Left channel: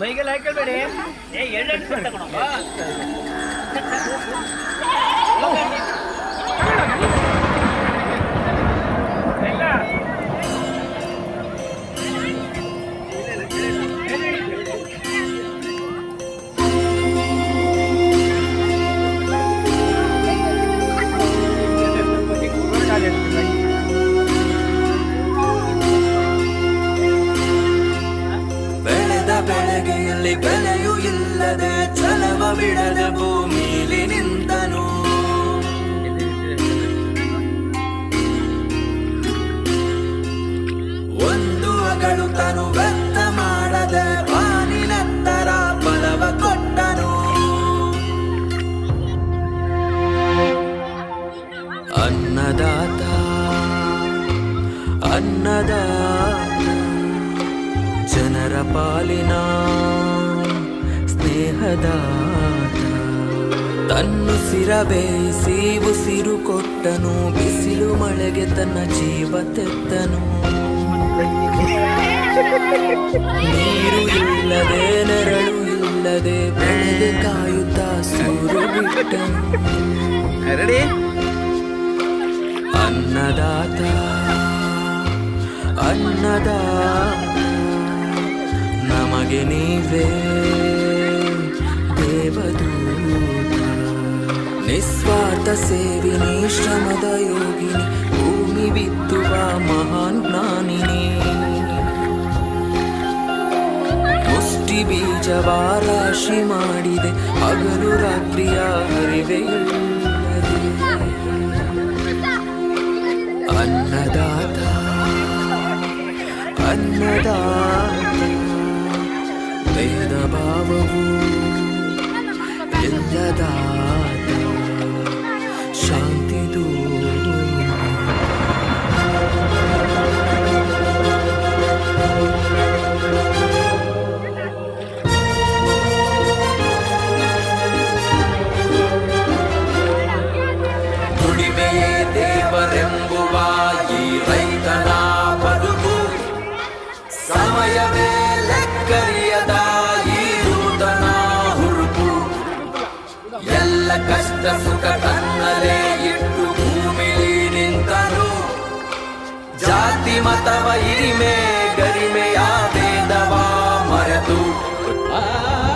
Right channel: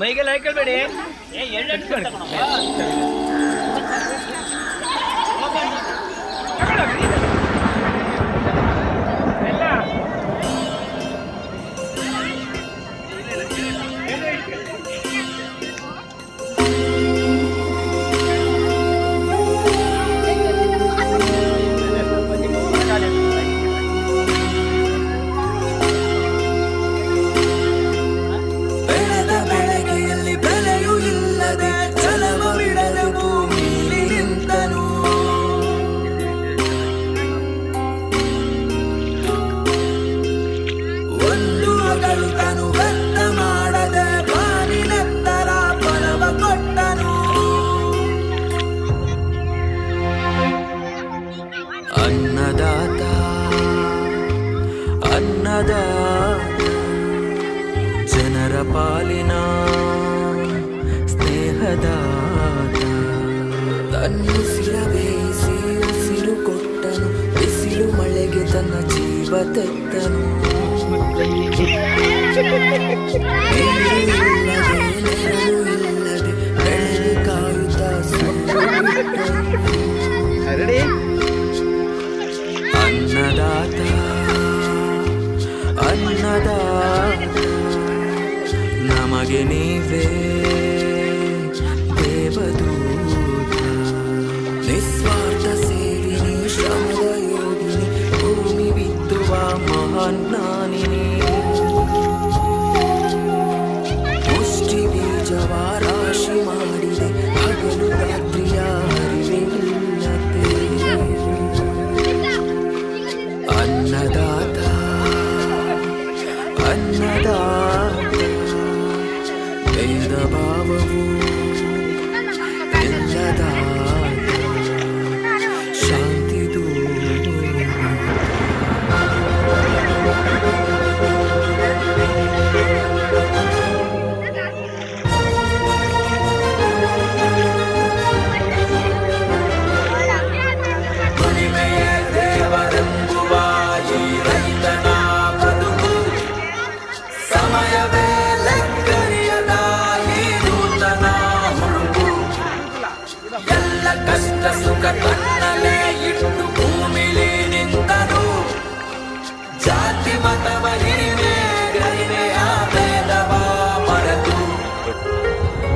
ಮೈಗೆಲ್ಲ ಹಾಕೊಳ್ಬೇಡಿ. ಬೆಲೆಯೂ ಇಲ್ಲದೆ ಚಲವ ಬಿಡದ ಭೂಮಿಲಿ ನಿಂತನು. ಒಂದು ಅಗಳು ತನು ವ್ಯರ್ಥ ಮಾಡದೆ ಬಾನಿನತ್ತರ ಫಲವ ಕೊಟ್ಟನು. ಅನ್ನದಾತ ಅನ್ನದಾತ ಜನರ ಪಾಲಿನ ಸ್ನೇಹದಾತ. ತನ್ನುಸಿರ ಬೇಯಿಸಿ ಉಸಿರು ಕೊಟ್ಟನು, ಬಿಸಿಲು ಮಳೆಗೆ ತನ್ನ ಜೀವ ತೆತ್ತನು. ನೀರು ಇಲ್ಲದೆ ನೆರಳು ಇಲ್ಲದೆ ಬೆಳೆ ಕಾಯುತ್ತ ಸೂರು ಬಿಟ್ಟನು. ಅನ್ನದಾತ ಅನ್ನದಾತ ನಮಗೆ ನೀವೇ ದೇವದೂತ. ನಿಸ್ವಾರ್ಥ ಸೇವಿನಿ ಶ್ರಮದ ಯೋಗಿನಿ, ಭೂಮಿ ಬಿತ್ತುವ ಮಹಾನ್ ಜ್ಞಾನಿನಿ. ಮುಷ್ಟಿ ಬೀಜವ ರಾಶಿ ಮಾಡಿದೆ, ಹಗಲು ರಾತ್ರಿಯ ಹರಿವೆ ಇಲ್ಲದೆ. ಅನ್ನದಾತ ಅನ್ನದಾತ ಭೇದ ಭಾವವು ಇಲ್ಲದಾತ ಶಾಂತಿ ದೂತ. ದುಡಿಮೆ ದೇವರೆಂಬುವ ಈ ರೈತನ ಬದುಕು, ಸಮಯವೇ ಲೆಕ್ಕರಿಯದ ಈ ನೂತನ ಹುರುಪು. ಎಲ್ಲ ಕಷ್ಟ ಸುಖ ಕಣ್ಣಲೇ ಇಟ್ಟು ಭೂಮಿಲಿ ನಿಂತನು. ಜಾತಿ ಮತವ ಹಿರಿಮೆ ಗರಿಮೆಯ ಭೇದವ ಮರೆತು,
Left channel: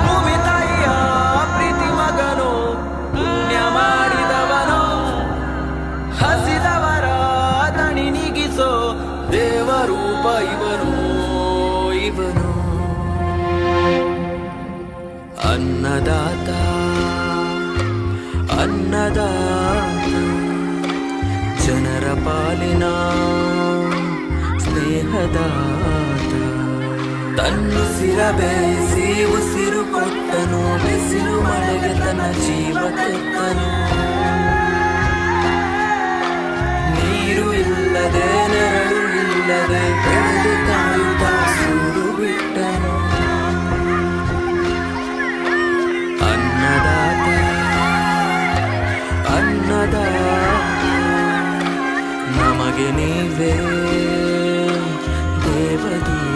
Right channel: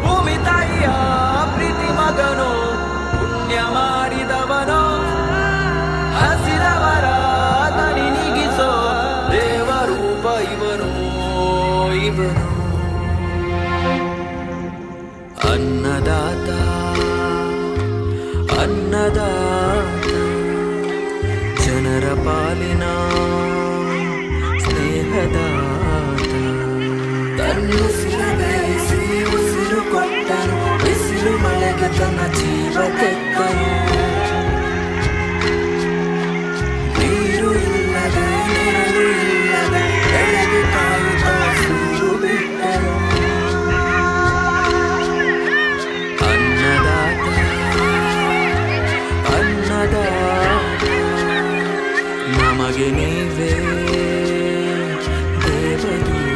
ಭೂಮಿ ತಾಯಿಯ ಪ್ರೀತಿ ಮಗನು, ಪುಣ್ಯ ಮಾಡಿದವನು, ಹಸಿದವರ ದಣಿ ನೀಗಿಸೋ ದೇವರೂಪ ಇವನು ಇವನು. ಅನ್ನದಾತ ಅನ್ನದಾತ ಜನರ ಪಾಲಿನ ಸ್ನೇಹದಾತ. ತನ್ನುಸಿರ ಬೇಯಿಸಿ ಉಸಿರು ಕೊಟ್ಟನು, ಬಿಸಿಲು ಮಳೆಗೆ ತನ್ನ ಜೀವ ತೆತ್ತನು. ನೀರು ಇಲ್ಲದೆ ನೆರಳು ಇಲ್ಲದೆ ಬೆಳೆಗೆ ಕಾಯುತ್ತ ಸೂರು ಬಿಟ್ಟನು. ಅನ್ನದಾತ ಅನ್ನದಾತ ನಮಗೆ ನೀವೇ ದೇವದೂತ.